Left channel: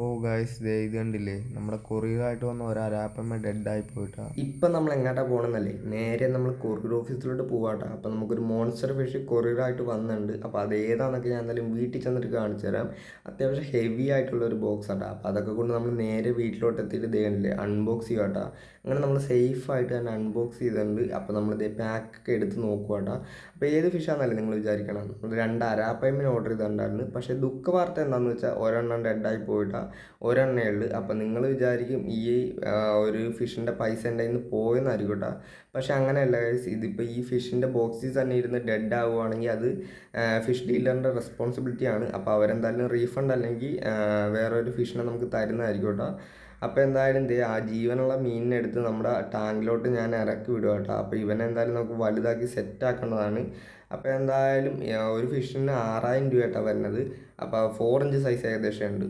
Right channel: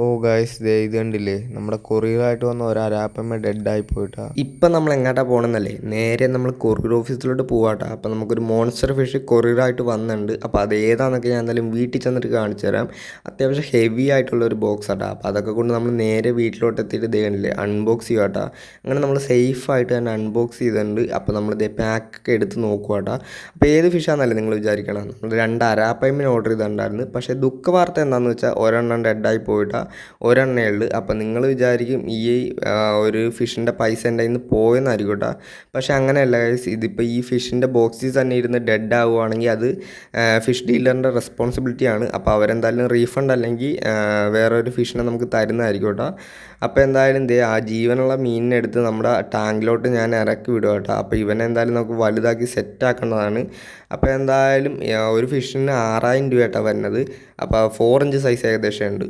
ഓ guys ദേ ഇത് കണ്ടില്ലേ? നമ്മുടെ കൊറിയറായിട്ട് വന്ന ഒരു ഡെഡ് ആയി പോയിട്ടാ. ഇപ്പം നമ്മൾ എങ്ങോട്ടാ പോകണമെന്നല്ലേ നേരെ നമ്മൾ കൊറിയർ ഓഫീസിലോട്ട് പോവാട്ടാ. അപ്പം നമുക്കൊരു മോൺസ്റ്റർ ഫിഷ് കൊറിയറായിട്ട് വന്നിട്ടുണ്ട് അപ്പോൾ അത് ഏതാണെന്നൊക്കെ ഞാൻ എന്തായാലും വീട്ടിൽ ചെന്നിട്ട് കാണിച്ചു തരാം. അത്യാവശ്യം ഹെവി ആയിട്ടുള്ള ഒരു ബോക്സ് ആട്ടാ. അപ്പോൾ അതൊക്കെ കൊണ്ട് നമ്മൾ നേരെ വീട്ടിലോട്ട് എത്തിയിട്ട് ദേ കണ്ടില്ലേ? അൺബോക്സ് ചെയ്യുവാട്ടാ. അങ്ങനെ നമ്മൾ സേഫ് ആയിട്ട് തന്നെ അൺബോക്സ് ചെയ്തിട്ടുണ്ട്. അപ്പോൾ നമ്മൾ ഇതേ പാക്കൊക്കെ എടുത്ത് നോക്കുവാട്ടാ. അപ്പോൾ ഏത് ഫിഷാണെന്നല്ലേ നിങ്ങൾ വിചാരിക്കണം? നമ്മൾ രണ്ട് അരാപ്പയമ്മിന് ഓർഡർ ചെയ്തിട്ടുണ്ടായിരുന്നു. പക്ഷേ ദുഃഖ വാർത്ത എന്താണെന്ന് വെച്ചാൽ ഒരെണ്ണം ഡെഡായി പോയിട്ടാ. ഒരെണ്ണേ ഉള്ളൂ അപ്പം നിങ്ങൾ വിചാരിക്കും ഈ ഒരു ഫിഷിന്റെ പൈസ എന്റെ നിന്ന് പോയെന്നായിരിക്കും കേട്ടോ പക്ഷേ അങ്ങനെയല്ല ഗൈസ് ഇതിപ്പോൾ ഈ ഫിഷിന്റെ ബോക്സിൽ തന്നെ ഇരുന്ന് ഡെഡ് ആവുകയാണെങ്കിൽ അത് ഫിഷ് ഡീലറിന്റെ റെസ്പോൺസിബിലിറ്റി ആണ്. അപ്പോൾ അവരെന്തായാലും റീഫണ്ട് അല്ലെങ്കിൽ വേറെ ഒരു ഫിഷിനെ നമുക്ക് തരുന്നതായിരിക്കും കേട്ടോ അപ്പോൾ എന്തായാലും ദേ ആ ജീവനുള്ള മീനിനെ എടുത്ത് നമ്മുടെ ടാങ്കിലോട്ട് ഞാൻ ഇറക്കി വിടുക കേട്ടോ അപ്പോൾ ഇവനെ എന്തായാലും നമുക്ക് വലുതാക്കി സെറ്റാക്കേണ്ടതാണ് അപ്പോൾ എന്തായാലും ഒരു ഫിഷിന് ആറായിരം രൂപ കേട്ടോ വരുന്നത്. അപ്പോൾ ഫോർ ഇഞ്ച് സൈസ് ഏകദേശം ഉണ്ട്.